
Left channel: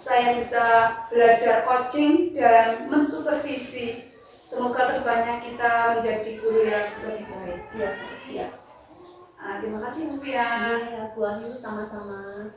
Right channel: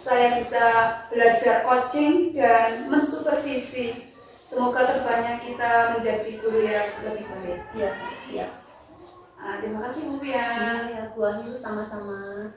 saya bisa belajar coaching dan mensupervisi. Semoga kedepannya kita menjadi guru yang lebih baik. Ya, siap. Terima kasih Bu Fia. Ya, Bu Ayu sama-sama.